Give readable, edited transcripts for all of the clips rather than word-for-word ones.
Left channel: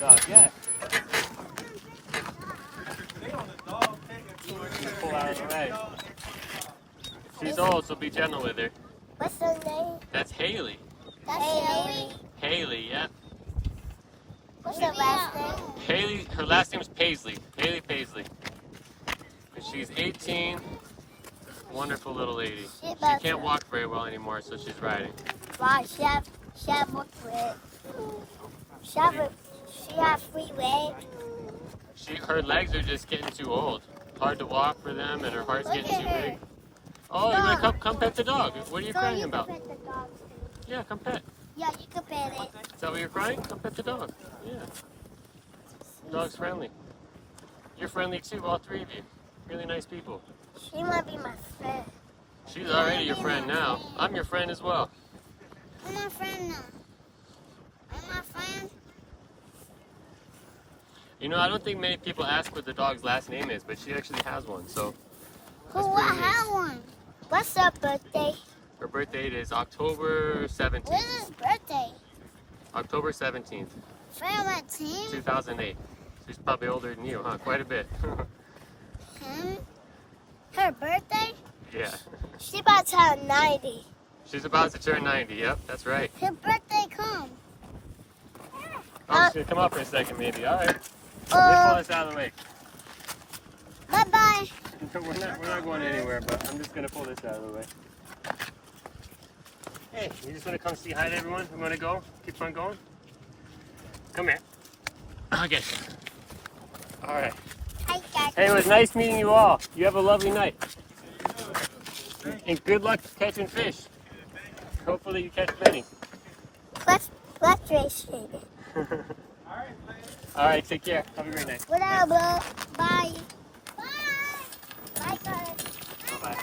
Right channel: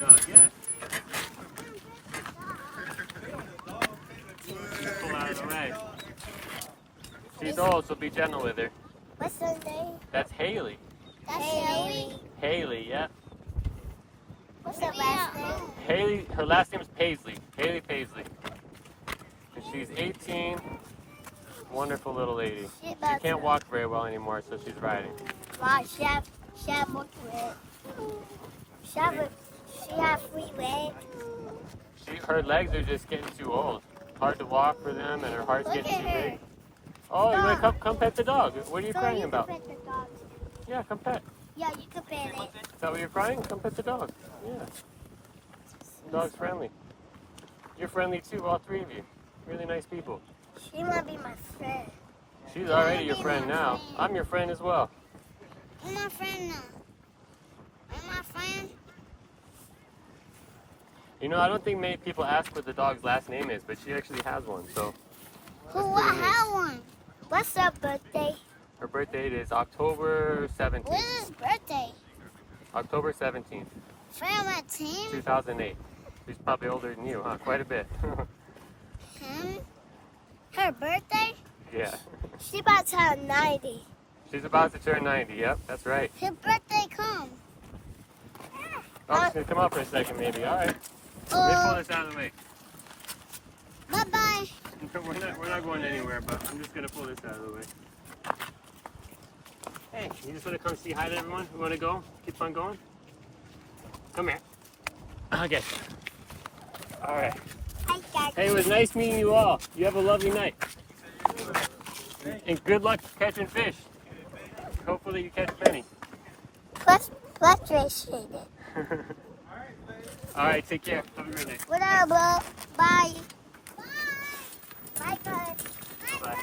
Dog, yeah. Pull out of the way. She's old, so be gentle with her. What's her name? That's Haley. That's Haley. Haley, yeah. What's her last name? Haley, her last name is Paisley. Haley Paisley. And she's 18. Wonderful little lady. She can't walk very well anymore, so she's riding. Wow, she have leg. She have 3 legs. Her legs are just getting too old. Hard to walk for them, and her heart's getting too big. Oh, you want to come pet the dog? What are you crying about? Pet the dog. Yeah, come pet. Yeah, you can pet it. Is that what you're crying? Come pet the dog. Yeah. The dog's friendly. You're friendly too, all 3 of you. Really nice people. She might be my friend. She's already your friend now. I'm your friend as well. I'm my friend now. I'm my friend. You know, I don't think many people ask what the dog's last name is, but she actually has one, so. Who have one? What's her birthday? Her birthday is October 17th. When is his birthday? October 17th. 17? 2008. She's probably older than you, huh? Quite a bit. Her birthday? Yeah. She about to turn 90. She's about to turn 90, yep, that's right. Her birthday come. Oh, she's gonna come up for a second maybe, alright. Let me pull this out of the way. Bye-bye. We're not going anywhere, but I'm just gonna pull this out of the way. Hey, you just wanna come say hi to everyone? We wanna go? Keep on going? Come here. I'll get you. Alright. Hi, guys. Hey, it was nice meeting you all. You have a lovely night. And good luck catching fish. Hopefully you catch many. Frustrated. All right, take care. Have a great night. Whatever. Bye. Bye. Bye, guys. Bye.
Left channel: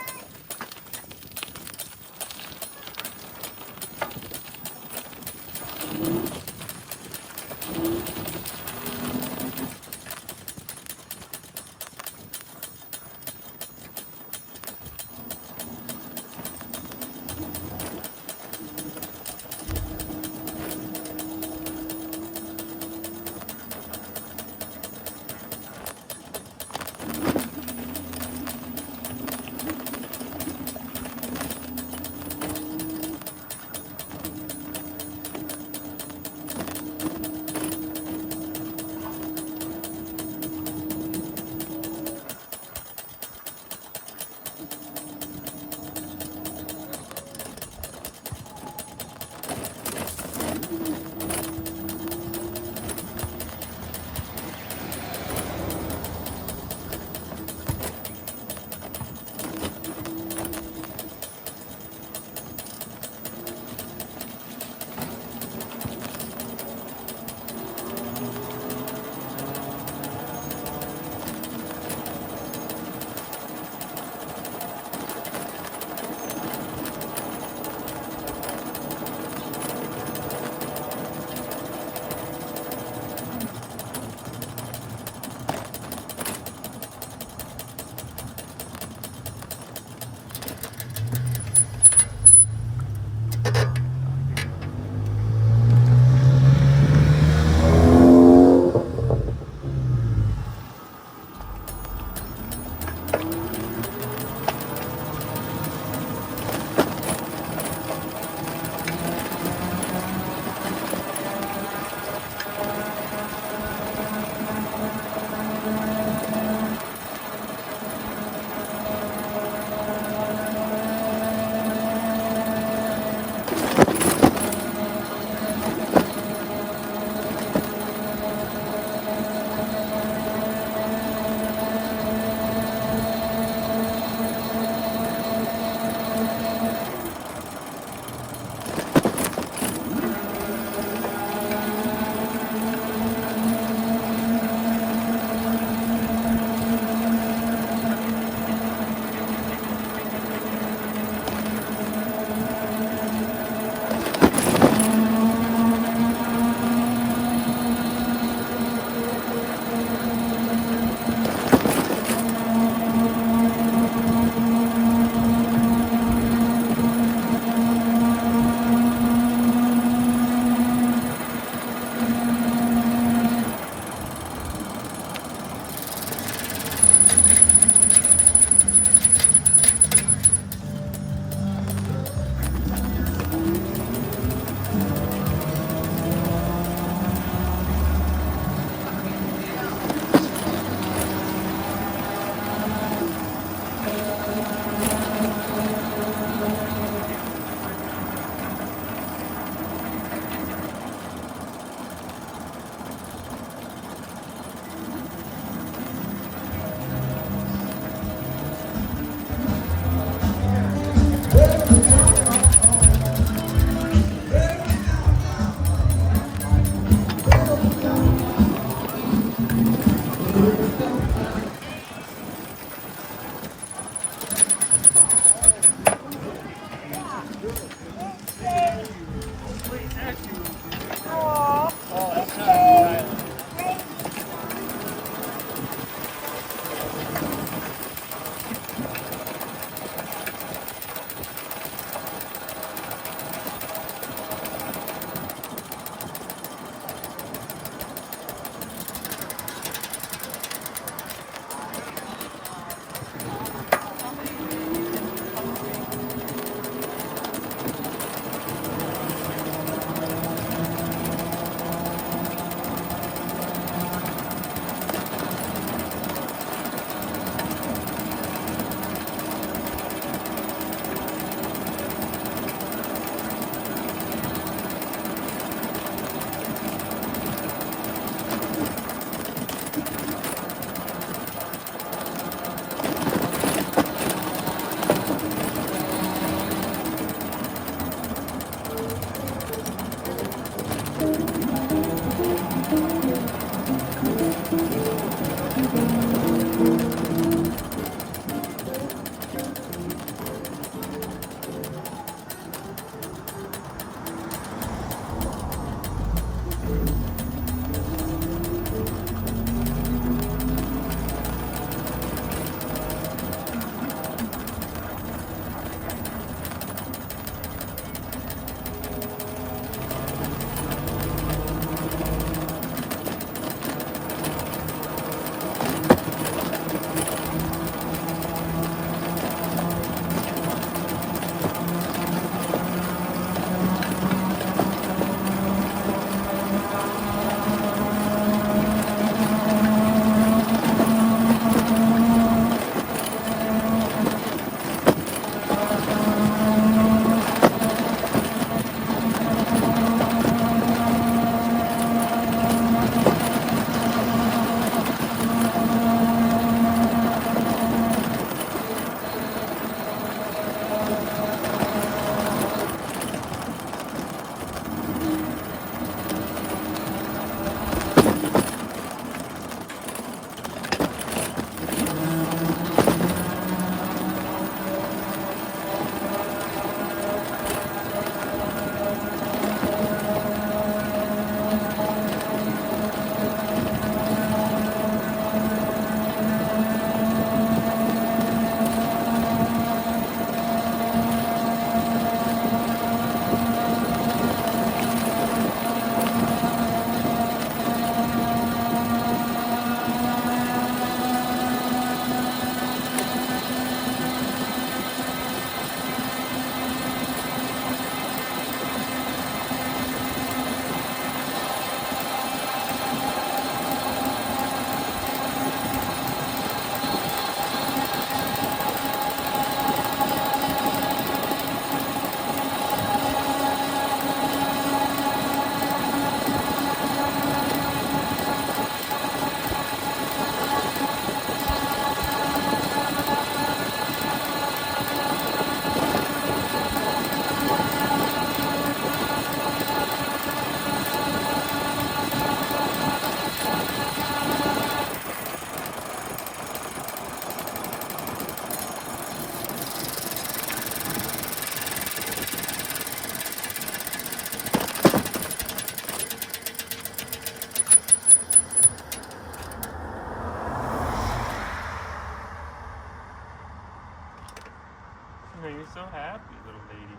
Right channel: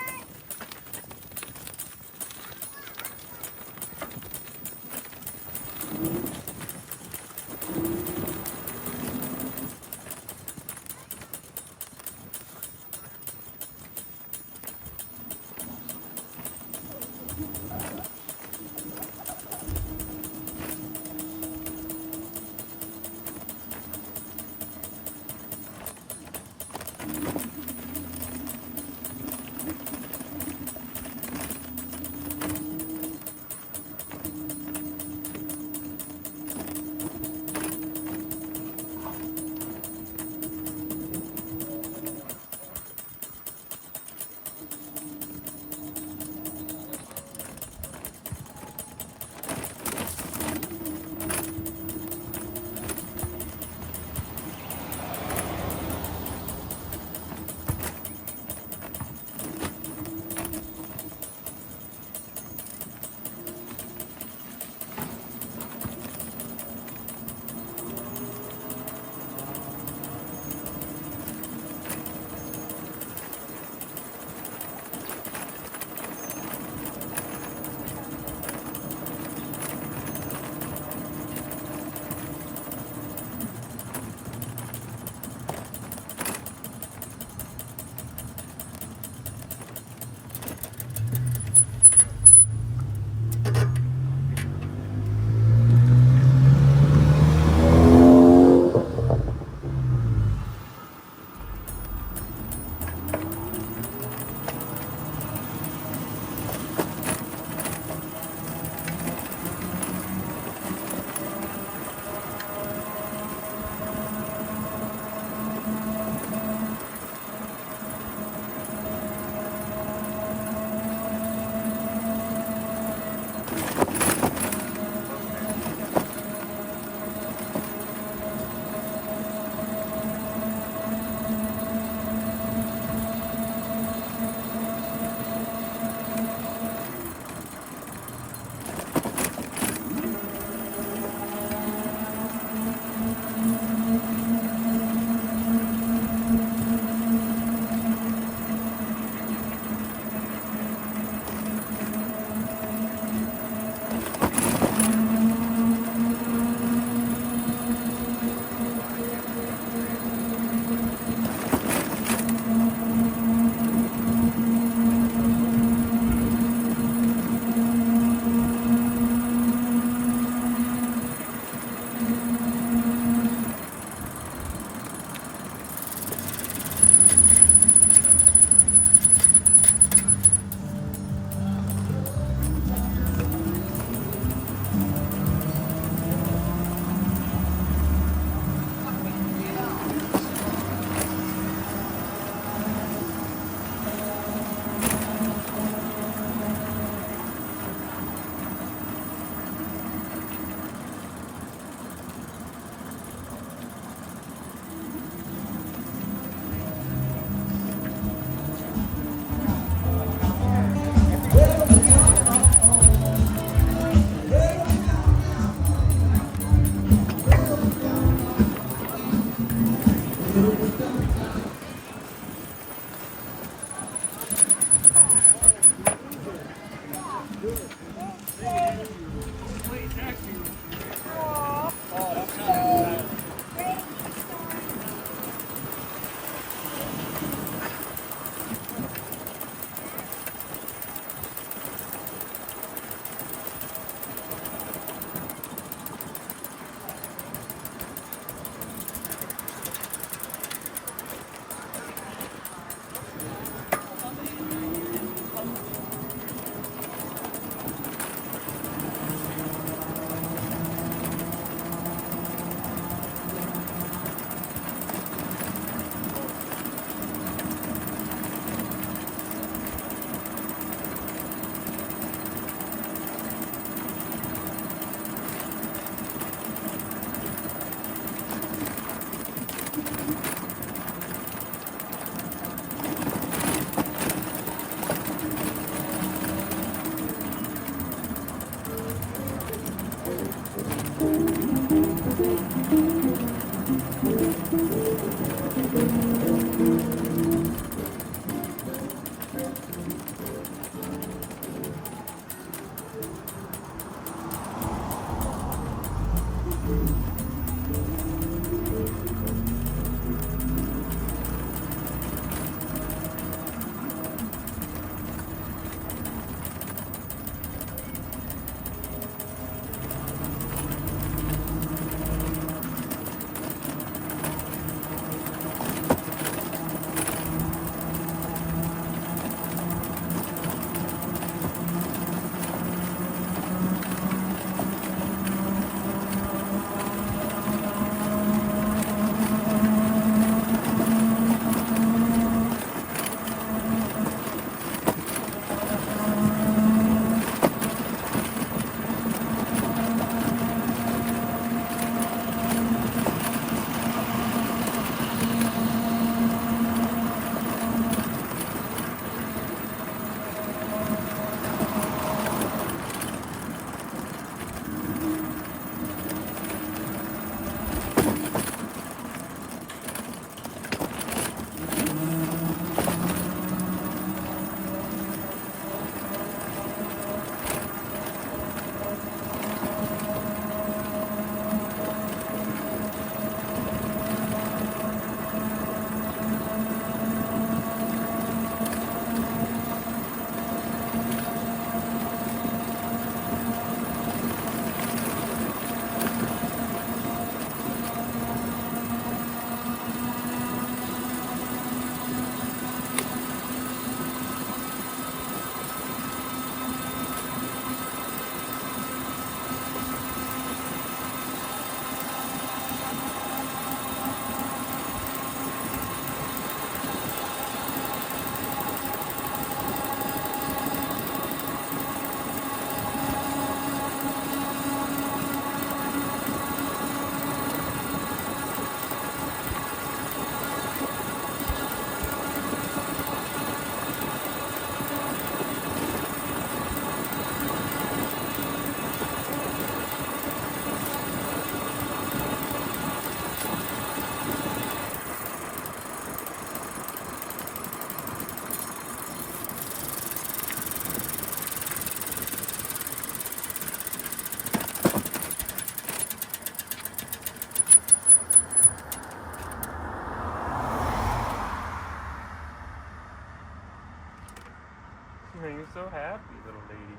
Are you so happy, little lady?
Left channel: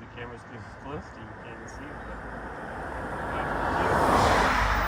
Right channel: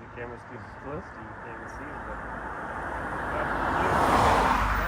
The camera's too close to you, you can't even see it. But...